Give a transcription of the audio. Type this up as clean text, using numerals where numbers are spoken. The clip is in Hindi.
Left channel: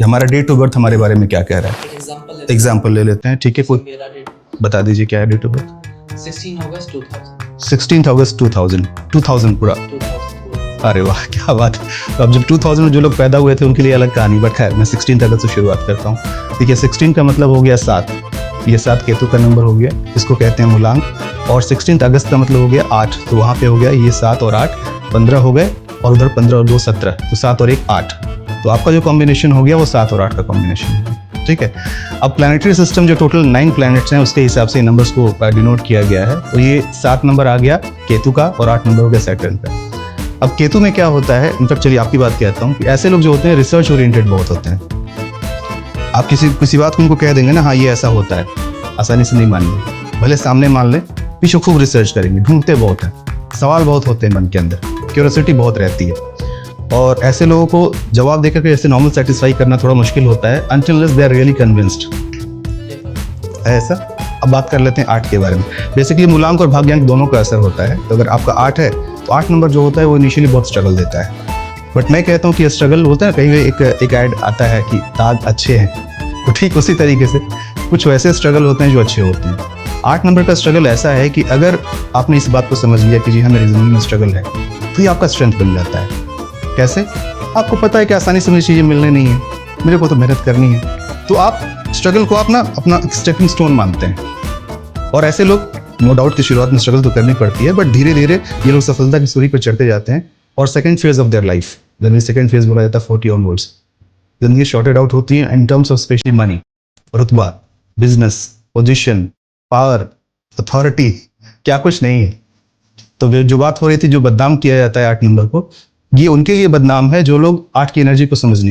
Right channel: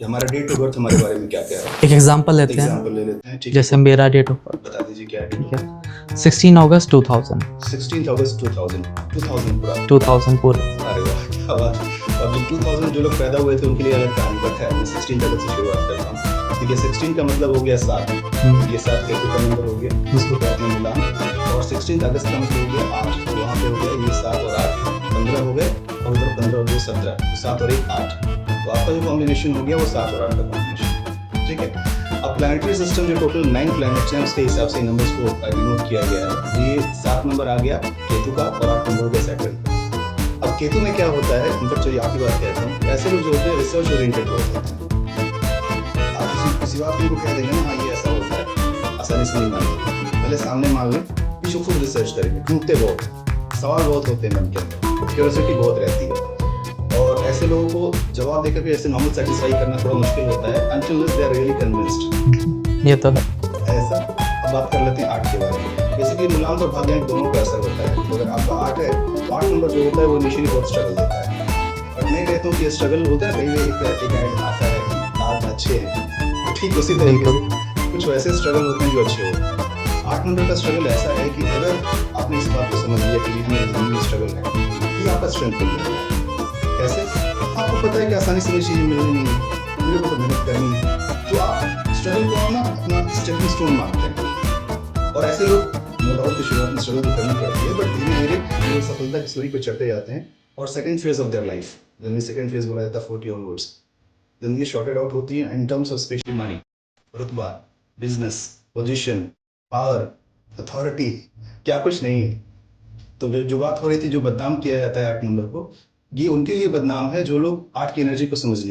कि हमारा डेट ऑफ बर्थ हमारे बारे में क्या कह रहा है। एक एग्जांपल लेते हैं। एग्जाम्पल ले लेते हैं, ठीक है। जैसे मेरा डेट ऑफ बर्थ बता दीजिए क्या है डेट ऑफ बर्थ। 16 अगस्त 2000। 16 अगस्त 2000। 2000 पूरा। 2000 पूरा। अरे वाह क्या बात है। तो अब जब 2000 में जो लोग पैदा हुए थे उनके लिए अलग कहानी, बट है मैं 16 अगस्त से शुरुआत करता हूँ। ठीक है, 16 का मतलब हो गया 7। ये 7 केतु का नंबर हो गया, जिसको कहते हैं मूलांक। और 16 अगस्त का मतलब हो गया 8, तो वहाँ पे हो गया ये 7 और 8 15 हो गए, और उधर 15 और 2 17, तो 7 और 1 8। तो आपका जो कॉम्बिनेशन हो गया वो 7 और 8 का कॉम्बिनेशन है। ठीक है, अब प्लानिटरी सिस्टम जो टोटल 9 प्लैनेट्स हैं उसके हिसाब से नंबर्स को डिनोट किया गया है। तो ये 7 नंबर आ गया केतु का और 8 नंबर हो गया सैटर्न का। अब केतु में क्या होता है, इनफैक्ट चलिए आपकी बात कहता हूँ कि ऐसे लोग जो होते हैं रिसर्च ओरिएंटेड बहुत होते हैं। आप किसी बात को उनको कह देंगे ना, हाँ ये ऐसा होता है, आसानी से नहीं मानेंगे। भले सामने मान लें, पीछे खूब रिसर्च करेंगे, ढूंढते बहुत हैं, सवाल बहुत होते हैं मन के अंदर, क्यूरियोसिटी बहुत रहती है। और ऐसे लोगों को जवाब देकर के ऐसे नॉर्मल सेटिस्फाई करना थोड़ा मुश्किल होता है until unless they are really convinced। ये तो है ऐसा। अब बात कर लेते हैं 8 के बारे में। बेसिकली मूलांक और भाग्यांक दोनों का असर होता है। तो अगर आपका 8 है तो 8 नंबर जो होता है वो इनिशियली बहुत स्ट्रगल देता है, बट मैं कहता हूँ कि ये स्ट्रगल होता है, कहीं एक ऐड आता है कि दाग अच्छे हैं, तो ठीक उसी तरीके से कुछ वैसे स्ट्रगल होते हैं जो अच्छे होते हैं। 8 नंबर का स्ट्रगल ऐसा है कि अगर आपने इस बात को समझ लिया कि जी हाँ मेरी ज़िंदगी में स्ट्रगल है, तो ये आपका स्ट्रेंथ बन जाता है। कैसे? आपको पता है कि आसानी से मुझे चीज़ें मिलने नहीं है, मेरे को तो मेहनत करनी है, तो आप स्ट्रगल को आप ना अपना स्टेपिंग स्टोन मानते हैं। और ऐसे लोग नो डाउट की शुरुआत में स्ट्रगल तो करनी पड़ती है, बट धीरे धीरे ये लोग सफलता की सूरी पर चढ़ते जाते हैं। और second phase of their life, generally second phase बोला जाता है 40 ऑनवर्ड्स, जिंदगी शॉर्टेड आउट होती है in terms of specially money, रुतबा, बिजनेस, पोजीशन, पावर, अथॉरिटी, क्या कुछ नहीं है। तो जो बात हो रही थी, जो बदनाम किया जाता है 8 नंबर को, ये उनके लिए बदनाम है जो लोग 8 की एनर्जी को समझ नहीं पाते।